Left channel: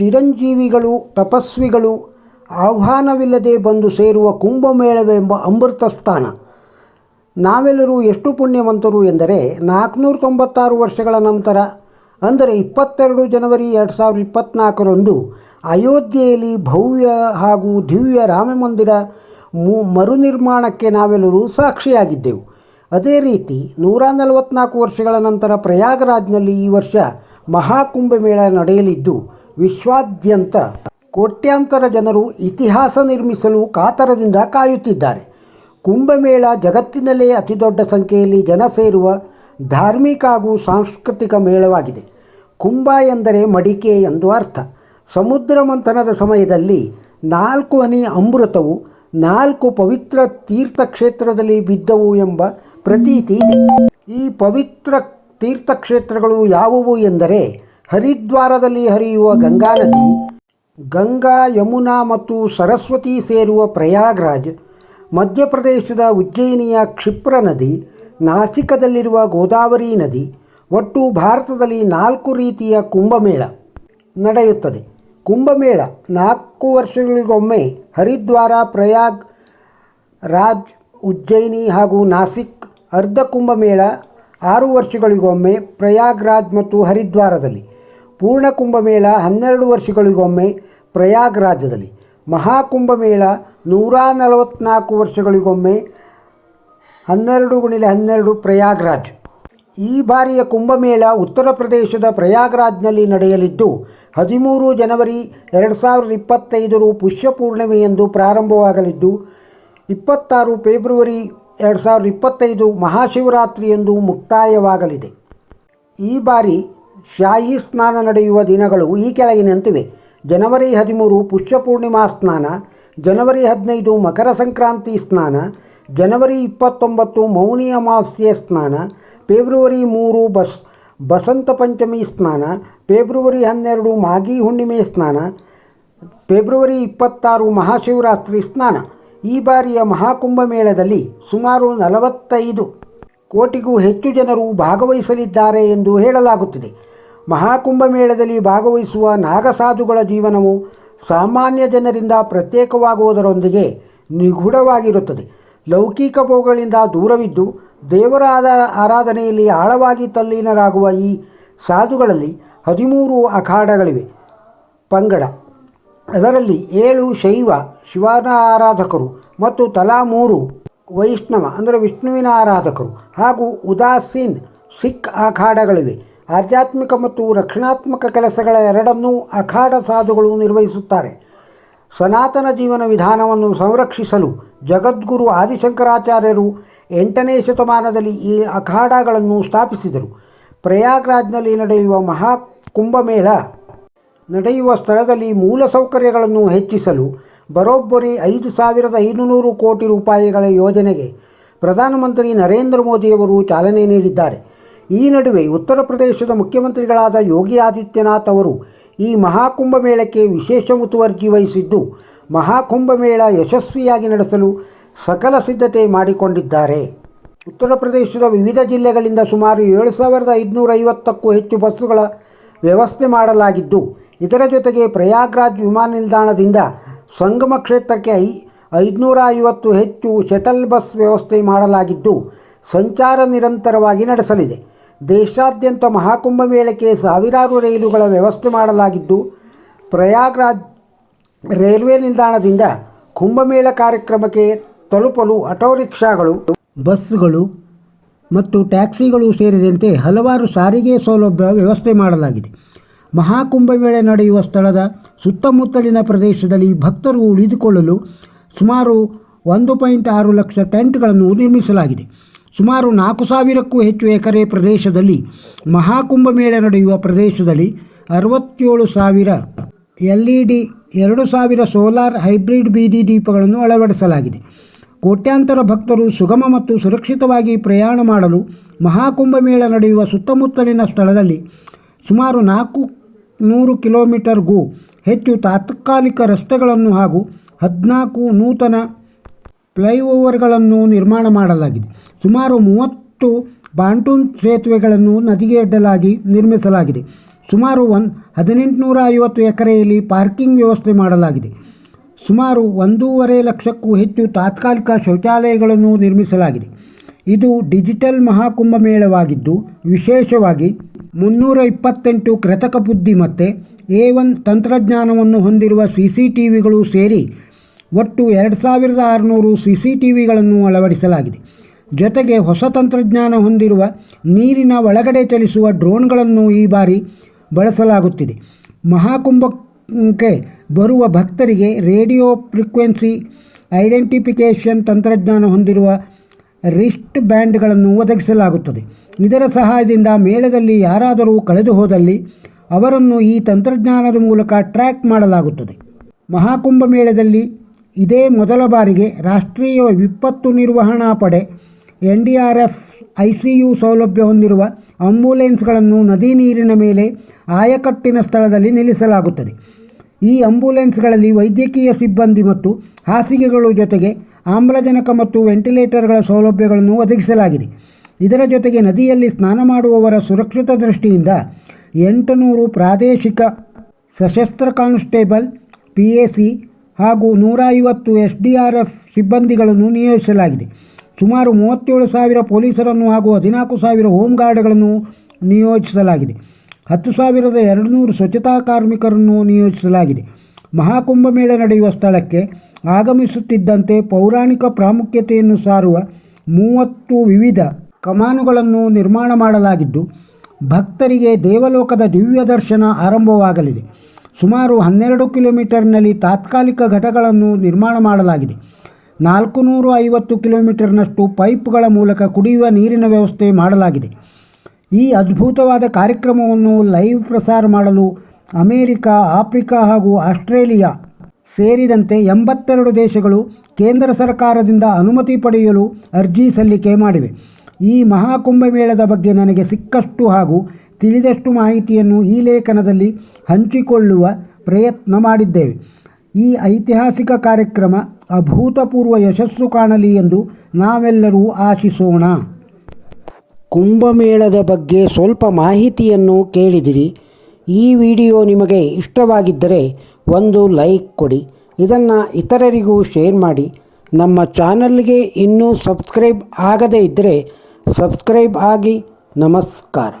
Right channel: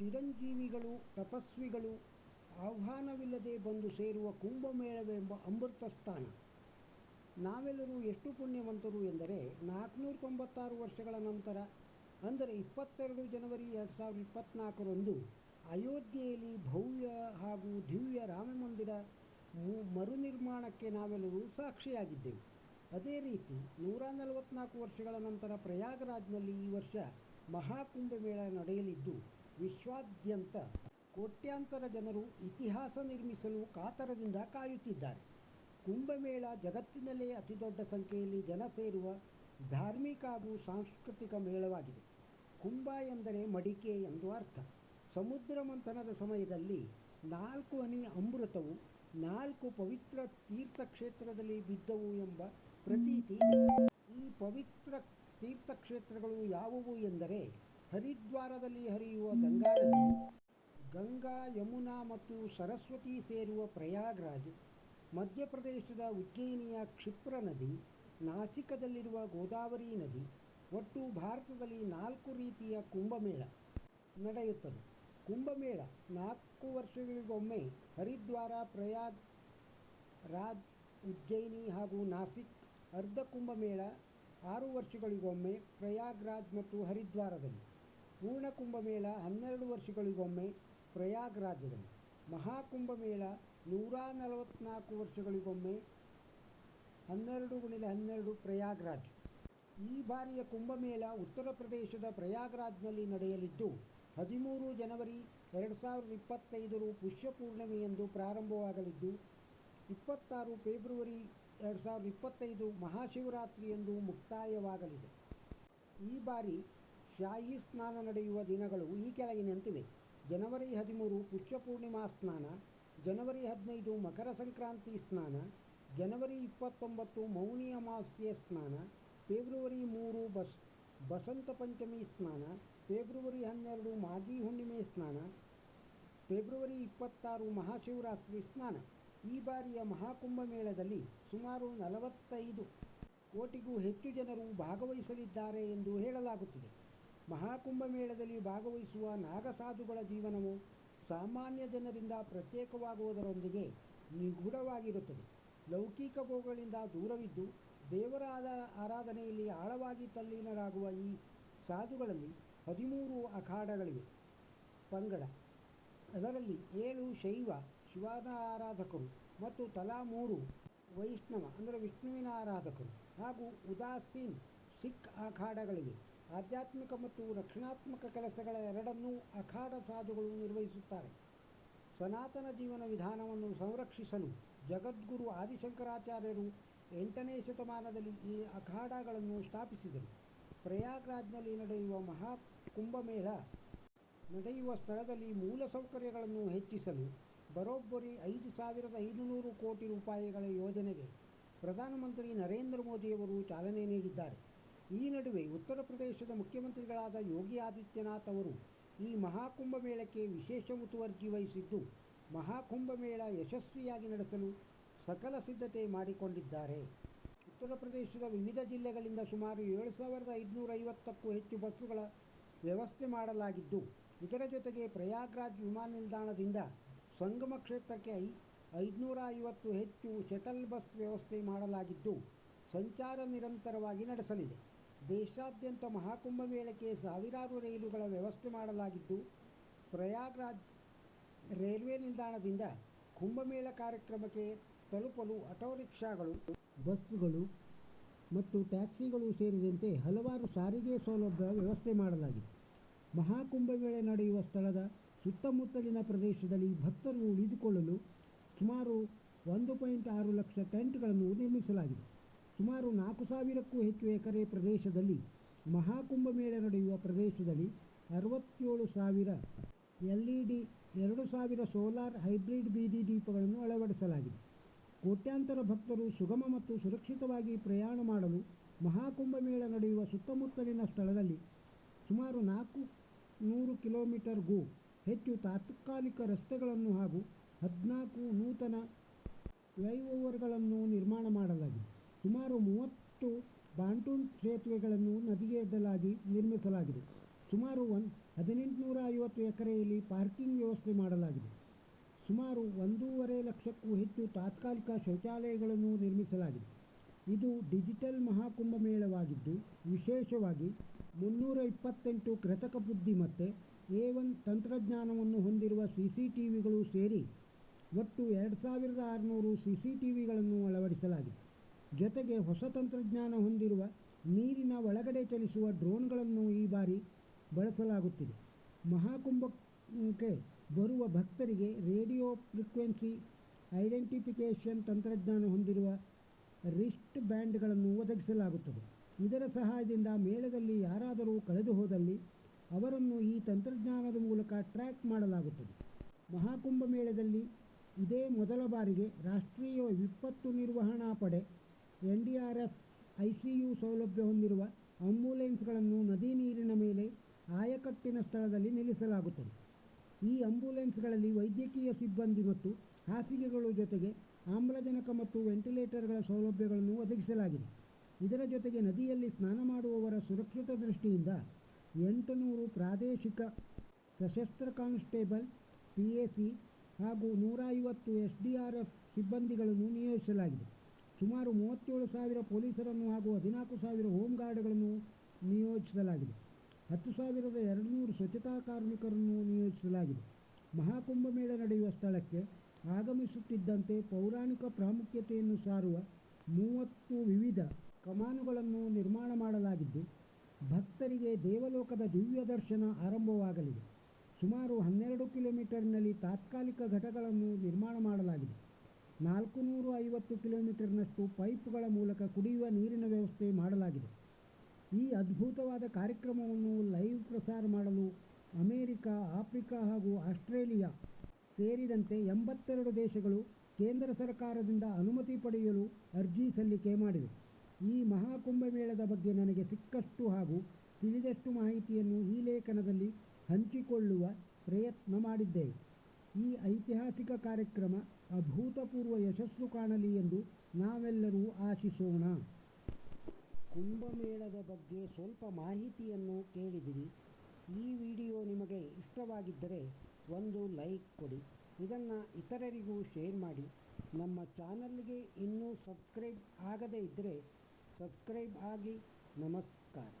ಚಿರಂಜೀವಿಗಳು ತಪಸ್ವಿಗಳು ಆಹ್ವಾನವಿಲ್ಲದೆ ಬಂದು ಸೇರುವ ಕುಂಭಮೇಳವೆಂಬ ಅಮೃತ ಸ್ಥಾನ. ನಾವೆಲ್ಲರೂ ಎಷ್ಟು ಪುಣ್ಯವಂತರು ಎಂದರೆ 496 ವರ್ಷಗಳ ನಂತರ ಅಂದರೆ 22 ಜನವರಿ 2024ರಂದು ಅಯೋಧ್ಯೆಯಲ್ಲಿ ಭವ್ಯ ಹಾಗೂ ದಿವ್ಯ ರಾಮಮಂದಿರ ಮರುನಿರ್ಮಾಣಕ್ಕೆ ನಾವೆಲ್ಲರೂ ಸಾಕ್ಷಿಯಾಗಿದ್ದೆವು. ಅದೇ ರೀತಿ 144 ವರ್ಷಗಳ ನಂತರ ಪ್ರಯಾಗರಾಜ್ನಲ್ಲಿ ಈ ವರ್ಷ ಮಹಾಕುಂಭಮೇಳ ನಡೆಯಲಿದ್ದು ವಿಶ್ವಾದ್ಯಂತ ಕೋಟ್ಯಾಂತರ ಜನರು ಇತಿಹಾಸ ನಿರ್ಮಿಸಲು ಕಾತರದಿಂದ ಕಾಯುತ್ತಿದ್ದಾರೆ. ಕುಂಭಮೇಳ ಜಗತ್ತಿನಲ್ಲೇ ಅತಿದೊಡ್ಡ ಸಂಖ್ಯೆಯಲ್ಲಿ ಜನ ಸೇರುವ ಧಾರ್ಮಿಕ ಹಾಗೂ ಸಾಂಸ್ಕೃತಿಕ ಮೇಳವಾಗಿದೆ. ಕುಂಭ ಎಂದರೆ ಮಡಿಕೆ ಎಂದು ಅರ್ಥ. ಸಮುದ್ರ ಮಂಥನದ ಸಮಯದಲ್ಲಿ 4 ಹನಿ ಅಮೃತವು 4 ಪವಿತ್ರ ತೀರ್ಥಕ್ಷೇತ್ರದಲ್ಲಿ ಬಿದ್ದವು ಎಂಬ ಪ್ರತೀತಿ ಇದೆ. ಈ ಪವಿತ್ರ ತೀರ್ಥಕ್ಷೇತ್ರಗಳು ಯಾವುವು ಎಂದರೆ ಹರಿದ್ವಾರದಲ್ಲಿ ಹರಿಯುವ ಗಂಗಾ ನದಿ, ಗಂಗಾ, ಯಮುನಾ ಮತ್ತು ಸರಸ್ವತಿ ಸೇರುವ ಪ್ರಯಾಗ್ರಾಜ್, ಮಧ್ಯಪ್ರದೇಶದ ಉಜ್ಜಯಿನಿಯ ಕ್ಷಿಪ್ರ ನದಿ, ನಾಸಿಕದಲ್ಲಿರುವ ಗೋದಾವರಿ ನದಿ. ಒಟ್ಟು ಭಾರತದಲ್ಲಿ 4 ರೀತಿಯ ಕುಂಭಮೇಳ ನಡೆಯುತ್ತದೆ. ಕುಂಭಮೇಳ 4 ವರ್ಷಗಳಿಗೊಮ್ಮೆ ಹರಿದ್ವಾರ, ಪ್ರಯಾಗ್ ರಾಜ್, ಉಜ್ಜಯಿನಿ ಹಾಗೂ ನಾಸಿಕ್. ಅರ್ಧ ಕುಂಭಮೇಳ 6 ವರ್ಷಗಳಿಗೊಮ್ಮೆ ಪ್ರಯಾಗ್ರಾಜ್ ಮತ್ತು ಹರಿದ್ವಾರದಲ್ಲಿ. ಪೂರ್ಣ ಕುಂಭಮೇಳ 12 ವರ್ಷಗಳಿಗೊಮ್ಮೆ ಪ್ರಯಾಗ್ರಾಜದಲ್ಲಿ. ಮಹಾಕುಂಭಮೇಳ 144 ವರ್ಷಗಳಿಗೊಮ್ಮೆ 12x12 ಪ್ರಯಾಗ್ರಾಜ್. ಈ ಬಾರಿಯ ಕುಂಭಮೇಳ ಉತ್ತರ ಪ್ರದೇಶದ ಪ್ರಯಾಗ್ರಾಜ್ನಲ್ಲಿ ನಡೆಯಲಿದ್ದು 13 ಜನವರಿ 2025 ಪುಷ್ಯ ಪೂರ್ಣಿಮೆಯಂದು ಪ್ರಾರಂಭವಾಗಲಿದ್ದು 26 ಫೆಬ್ರವರಿ 2025 ಮಹಾಶಿವರಾತ್ರಿಯಂದು ಮುಕ್ತಾಯವಾಗಲಿದೆ. ಈ ಬಾರಿ ಶಾಹಿ ಸ್ನಾನ ನಡೆಯುವ ದಿನಗಳು ಈ ಕೆಳಗಿನಂತಿವೆ. ಜನವರಿ 13 ಪುಷ್ಯ ಪೂರ್ಣಿಮಾ ಸ್ನಾನ, ಜನವರಿ 15 ಮಕರ ಸಂಕ್ರಾಂತಿ ಸ್ನಾನ, ಜನವರಿ 29 ಮೌನಿ ಅಮಾವಾಸ್ಯೆ ಸ್ನಾನ, ಫೆಬ್ರವರಿ 3 ಬಸಂತ ಪಂಚಮಿ ಸ್ನಾನ, ಫೆಬ್ರವರಿ 12 ಮಾಘಿ ಹುಣ್ಣಿಮೆ ಸ್ನಾನ, ಫೆಬ್ರವರಿ 26 ಮಹಾಶಿವರಾತ್ರಿ ಸ್ನಾನ. ಈ ಬಾರಿಯ ಮಹಾಕುಂಭಮೇಳದಲ್ಲಿ ಸುಮಾರು 45 ಕೋಟಿಗೂ ಹೆಚ್ಚು ಜನರು ಭಾಗವಹಿಸಲಿದ್ದಾರೆ ಎಂದು ಹೇಳಲಾಗುತ್ತಿದೆ. ಮಹಾಕುಂಭಮೇಳದಲ್ಲಿ ಭಾಗವಹಿಸುವ ನಾಗಸಾಧುಗಳ ಜೀವನವು ಸಾಮಾನ್ಯ ಜನರಿಂದ ಪ್ರತ್ಯೇಕವಾಗುವುದರೊಂದಿಗೆ ನಿಗೂಢವಾಗಿರುತ್ತದೆ. ಲೌಕಿಕ ಭೋಗಗಳಿಂದ ದೂರವಿದ್ದು ದೇವರ ಆರಾಧನೆಯಲ್ಲಿ ಆಳವಾಗಿ ತಲ್ಲೀನರಾಗುವ ಈ ಸಾಧುಗಳಲ್ಲಿ 13 ಅಖಾಡಗಳಿವೆ. ಪಂಗಡ, ಅದರಲ್ಲಿ 7 ಶೈವ ಶಿವನ ಆರಾಧಕರು ಮತ್ತು ತಲಾ 3 ವೈಷ್ಣವ ಅಂದರೆ ವಿಷ್ಣುವಿನ ಆರಾಧಕರು ಹಾಗೂ ಉದಾಸೀನ್ ಸಿಖ್ ಅಖಾಡಗಳಿವೆ. ಆಧ್ಯಾತ್ಮಿಕ ಮತ್ತು ರಕ್ಷಣಾತ್ಮಕ ಕೆಲಸಗಳ ಎರಡನ್ನೂ ಅಖಾಡ ಸಾಧುಗಳು ನಿರ್ವಹಿಸುತ್ತಾರೆ. ಸನಾತನ ಜೀವನ ವಿಧಾನವನ್ನು ಸಂರಕ್ಷಿಸಲು ಜಗದ್ಗುರು ಆದಿಶಂಕರಾಚಾರ್ಯರು 8ನೇ ಶತಮಾನದಲ್ಲಿ ಈ ಅಖಾಡಗಳನ್ನು ಸ್ಥಾಪಿಸಿದರು. ಪ್ರಯಾಗ್ರಾಜ್ನಲ್ಲಿ ನಡೆಯುವ ಮಹಾಕುಂಭಮೇಳ ನಡೆಯುವ ಸ್ಥಳದಲ್ಲಿ ಮೂಲಸೌಕರ್ಯಗಳನ್ನು ಹೆಚ್ಚಿಸಲು ಬರೋಬ್ಬರಿ 5,500 ಕೋಟಿ ರೂಪಾಯಿಗಳ ಯೋಜನೆಗೆ ಪ್ರಧಾನಮಂತ್ರಿ ನರೇಂದ್ರ ಮೋದಿಯವರು ಚಾಲನೆ ನೀಡಿದ್ದಾರೆ. ಈ ನಡುವೆ ಉತ್ತರ ಪ್ರದೇಶದ ಮುಖ್ಯಮಂತ್ರಿಗಳಾದ ಯೋಗಿ ಆದಿತ್ಯನಾಥ್ ಅವರು ಈ ಮಹಾಕುಂಭಮೇಳಕ್ಕೆ ವಿಶೇಷ ಮುತುವರ್ಜಿ ವಹಿಸಿದ್ದು ಮಹಾಕುಂಭಮೇಳ ಯಶಸ್ವಿಯಾಗಿ ನಡೆಸಲು ಸಕಲ ಸಿದ್ಧತೆ ಮಾಡಿಕೊಂಡಿದ್ದಾರೆ. ಉತ್ತರ ಪ್ರದೇಶದ ವಿವಿಧ ಜಿಲ್ಲೆಗಳಿಂದ ಸುಮಾರು 7,550ಕ್ಕೂ ಹೆಚ್ಚು ಬಸ್ಸುಗಳ ವ್ಯವಸ್ಥೆ ಮಾಡಲಾಗಿದ್ದು ಇದರ ಜೊತೆಗೆ ಪ್ರಯಾಗ್ರಾಜ್ ವಿಮಾನ ನಿಲ್ದಾಣದಿಂದ ಸಂಗಮ ಕ್ಷೇತ್ರಕ್ಕೆ 550 ಹೆಚ್ಚು ಶಟಲ್ ಬಸ್ ವ್ಯವಸ್ಥೆ ಮಾಡಲಾಗಿದ್ದು ಸಂಚಾರ ನಿರಂತರವಾಗಿ ನಡೆಸಲಿದೆ. ದೇಶಾದ್ಯಂತ ಮಹಾಕುಂಭಮೇಳಕ್ಕೆ ಸಾವಿರಾರು ರೈಲುಗಳ ವ್ಯವಸ್ಥೆ ಮಾಡಲಾಗಿದ್ದು ಪ್ರಯಾಗ್ರಾಜ್ ರೈಲ್ವೆ ನಿಲ್ದಾಣದಿಂದ ಕುಂಭಮೇಳ ಕಾರ್ಯಕ್ರಮಕ್ಕೆ ತಲುಪಲು ಆಟೋ ರಿಕ್ಷಾಗಳು, ಬಸ್ಗಳು ಮತ್ತು ಟ್ಯಾಕ್ಸಿಗಳು ಸೇರಿದಂತೆ ಹಲವಾರು ಸಾರಿಗೆ ಸೌಲಭ್ಯ ವ್ಯವಸ್ಥೆ ಮಾಡಲಾಗಿದೆ. ಮಹಾಕುಂಭಮೇಳ ನಡೆಯುವ ಸ್ಥಳದ ಸುತ್ತಮುತ್ತಲಿನ ಪ್ರದೇಶದಲ್ಲಿ ಭಕ್ತರು ಉಳಿದುಕೊಳ್ಳಲು ಸುಮಾರು 1.6 ಲಕ್ಷ ಟೆಂಟ್ಗಳನ್ನು ನಿರ್ಮಿಸಲಾಗಿದೆ. ಸುಮಾರು 4,000ಕ್ಕೂ ಹೆಚ್ಚು ಎಕರೆ ಪ್ರದೇಶದಲ್ಲಿ ಮಹಾಕುಂಭಮೇಳ ನಡೆಯುವ ಪ್ರದೇಶದಲ್ಲಿ 67,000 LED, 2,000 ಸೋಲಾರ್ ಹೈಬ್ರಿಡ್ ಬೀದಿ ದೀಪಗಳನ್ನು ಅಳವಡಿಸಲಾಗಿದೆ. ಕೋಟ್ಯಾಂತರ ಭಕ್ತರು ಸುಗಮ ಮತ್ತು ಸುರಕ್ಷಿತವಾಗಿ ಪ್ರಯಾಣ ಮಾಡಲು ಮಹಾಕುಂಭಮೇಳ ನಡೆಯುವ ಸುತ್ತಮುತ್ತಲಿನ ಸ್ಥಳದಲ್ಲಿ ಸುಮಾರು 400 ಕಿಲೋಮೀಟರ್ಗೂ ಹೆಚ್ಚು ತಾತ್ಕಾಲಿಕ ರಸ್ತೆಗಳನ್ನು ಹಾಗೂ 14 ನೂತನ ಫ್ಲೈಓವರ್ಗಳನ್ನು ನಿರ್ಮಾಣ ಮಾಡಲಾಗಿದೆ. ಸುಮಾರು 30 ಪಾಂಟೂನ್ ಸೇತುವೆಗಳನ್ನು ನದಿಗೆ ಅಡ್ಡಲಾಗಿ ನಿರ್ಮಿಸಲಾಗಿದೆ. ಸುಮಾರು 1850 ಎಕರೆಯಲ್ಲಿ ಪಾರ್ಕಿಂಗ್ ವ್ಯವಸ್ಥೆ ಮಾಡಲಾಗಿದೆ. ಸುಮಾರು 1.5 ಲಕ್ಷಕ್ಕೂ ಹೆಚ್ಚು ತಾತ್ಕಾಲಿಕ ಶೌಚಾಲಯಗಳನ್ನು ನಿರ್ಮಿಸಲಾಗಿದೆ. ಇದು ಡಿಜಿಟಲ್ ಮಹಾಕುಂಭಮೇಳವಾಗಿದ್ದು ವಿಶೇಷವಾಗಿ 328 ಕೃತಕ ಬುದ್ಧಿಮತ್ತೆ A1 ತಂತ್ರಜ್ಞಾನವನ್ನು ಹೊಂದಿರುವ CCTVಗಳು ಸೇರಿ ಒಟ್ಟು 2600 CCTVಗಳನ್ನು ಅಳವಡಿಸಲಾಗಿದೆ. ಜೊತೆಗೆ ಹೊಸ ತಂತ್ರಜ್ಞಾನ ಹೊಂದಿರುವ ನೀರಿನ ಒಳಗಡೆ ಚಲಿಸುವ ಡ್ರೋನ್ಗಳನ್ನು ಈ ಬಾರಿ ಬಳಸಲಾಗುತ್ತಿದೆ. ಮಹಾಕುಂಭಕ್ಕೆ ಬರುವ ಭಕ್ತರಿಗೆ ರೇಡಿಯೋ ಫ್ರೀಕ್ವೆನ್ಸಿ ಐಡೆಂಟಿಫಿಕೇಷನ್ ತಂತ್ರಜ್ಞಾನ ಹೊಂದಿರುವ ರಿಸ್ಟ್ ಬ್ಯಾಂಡ್ಗಳನ್ನು ಒದಗಿಸಲಾಗುತ್ತದೆ. ಇದರ ಸಹಾಯದಿಂದ ಮೇಳದಲ್ಲಿ ಯಾರಾದರೂ ಕಳೆದು ಹೋದಲ್ಲಿ ಅವರನ್ನು ಈ ತಂತ್ರಜ್ಞಾನದ ಮೂಲಕ ಟ್ರ್ಯಾಕ್ ಮಾಡಲಾಗುತ್ತದೆ. ಮಹಾಕುಂಭ ಮೇಳದಲ್ಲಿ ಇದೇ ಮೊದಲ ಬಾರಿಗೆ ರಾಷ್ಟ್ರೀಯ ವಿಪತ್ತು ನಿರ್ವಹಣಾ ಪಡೆ NDRF ICU ಸೌಲಭ್ಯ ಹೊಂದಿರುವ ಆಂಬ್ಯುಲೆನ್ಸ್ಗಳನ್ನು ನದಿ ನೀರಿನ ಮೇಲೆ ಆಯಕಟ್ಟಿನ ಸ್ಥಳದಲ್ಲಿ ನಿಲ್ಲಿಸಲಾಗುತ್ತದೆ. ಈ ಆಂಬ್ಯುಲೆನ್ಸ್ಗಳಲ್ಲಿ ವೈದ್ಯಕೀಯ ಸಿಬ್ಬಂದಿ ಮತ್ತು ಹಾಸಿಗೆಗಳ ಜೊತೆಗೆ ಆಮ್ಲಜನಕ ಮತ್ತು ವೆಂಟಿಲೇಟರ್ಗಳ ಸೌಲಭ್ಯಗಳನ್ನು ಒದಗಿಸಲಾಗಿದೆ. ಇದರ ಜೊತೆಗೆ ನದಿಯಲ್ಲಿ ಸ್ನಾನ ಮಾಡುವವರ ಸುರಕ್ಷಿತ ದೃಷ್ಟಿಯಿಂದ 800 ಪ್ರಾದೇಶಿಕ ಸಶಸ್ತ್ರ ಕಾನ್ಸ್ಟೇಬಲ್ PAC ಹಾಗೂ 150 SDRF ಸಿಬ್ಬಂದಿಗಳನ್ನು ನಿಯೋಜಿಸಲಾಗಿದೆ. ಸುಮಾರು 37,000 ಪೊಲೀಸರನ್ನು ಹಾಗೂ 14,000 ಹೋಮ್ ಗಾರ್ಡ್ಗಳನ್ನು ನಿಯೋಜಿಸಲಾಗಿದೆ. 10,200 ಸ್ವಚ್ಛತಾ ಕಾರ್ಮಿಕರನ್ನು ನಿಯೋಜಿಸಲಾಗಿದೆ. ಮಹಾಕುಂಭಮೇಳ ನಡೆಯುವ ಸ್ಥಳಕ್ಕೆ ಆಗಮಿಸುತ್ತಿದ್ದಂತೆ ಪೌರಾಣಿಕ ಪ್ರಾಮುಖ್ಯತೆಯನ್ನು ಸಾರುವ 30 ವಿವಿಧ ಕಮಾನುಗಳನ್ನು ನಿರ್ಮಾಣ ಮಾಡಲಾಗಿದ್ದು ಭಕ್ತರಿಗೆ ದೇವಲೋಕದ ದಿವ್ಯ ದರ್ಶನ ಆರಂಭವಾಗಲಿದೆ. ಸುಮಾರು 12 ಕಿಲೋಮೀಟರ್ನಲ್ಲಿ ತಾತ್ಕಾಲಿಕ ಘಟಗಳನ್ನು ನಿರ್ಮಾಣ ಮಾಡಲಾಗಿದೆ. 450 ಕಿಲೋಮೀಟರ್ನಷ್ಟು ಪೈಪ್ಗಳ ಮೂಲಕ ಕುಡಿಯುವ ನೀರಿನ ವ್ಯವಸ್ಥೆ ಮಾಡಲಾಗಿದೆ. ಈ ಅದ್ಭುತವಾದ ಕಾರ್ಯಕ್ರಮವನ್ನು ಲೈವ್ ಪ್ರಸಾರ ಮಾಡಲು ಅಮೇರಿಕಾ, ಆಫ್ರಿಕಾ ಹಾಗೂ ಆಸ್ಟ್ರೇಲಿಯಾ ಸೇರಿದಂತೆ 82 ದೇಶಗಳು ಕೇಂದ್ರ ಸರ್ಕಾರದಿಂದ ಅನುಮತಿ ಪಡೆಯಲು ಅರ್ಜಿ ಸಲ್ಲಿಕೆ ಮಾಡಿವೆ. ಈ ಮಹಾಕುಂಭಮೇಳದ ಬಗ್ಗೆ ನನಗೆ ಸಿಕ್ಕಷ್ಟು ಹಾಗೂ ತಿಳಿದಷ್ಟು ಮಾಹಿತಿಯನ್ನು ಈ ಲೇಖನದಲ್ಲಿ ಹಂಚಿಕೊಳ್ಳುವ ಪ್ರಯತ್ನ ಮಾಡಿದ್ದೇವೆ. ಈ ಐತಿಹಾಸಿಕ ಕಾರ್ಯಕ್ರಮ ಅಭೂತಪೂರ್ವ ಯಶಸ್ಸು ಕಾಣಲಿ ಎಂದು ನಾವೆಲ್ಲರೂ ಆಶಿಸೋಣ. ಕುಂಭಮೇಳದ ಬಗ್ಗೆ ಸ್ವಲ್ಪ ಮಾಹಿತಿಯನ್ನು ಕೇಳಿದಿರಿ. ಈ ವಿಡಿಯೋ ನಿಮಗೆ ಇಷ್ಟವಾಗಿದ್ದರೆ ಒಂದು ಲೈಕ್ ಕೊಡಿ. ಇದನ್ನು ಇತರರಿಗೂ ಶೇರ್ ಮಾಡಿ. ನಮ್ಮ ಚಾನಲ್ಗೆ ಇನ್ನೂ ಸಬ್ಸ್ಕ್ರೈಬ್ ಆಗದೇ ಇದ್ದರೆ ಸಬ್ಸ್ಕ್ರೈಬ್ ಆಗಿ. ನಮಸ್ಕಾರ.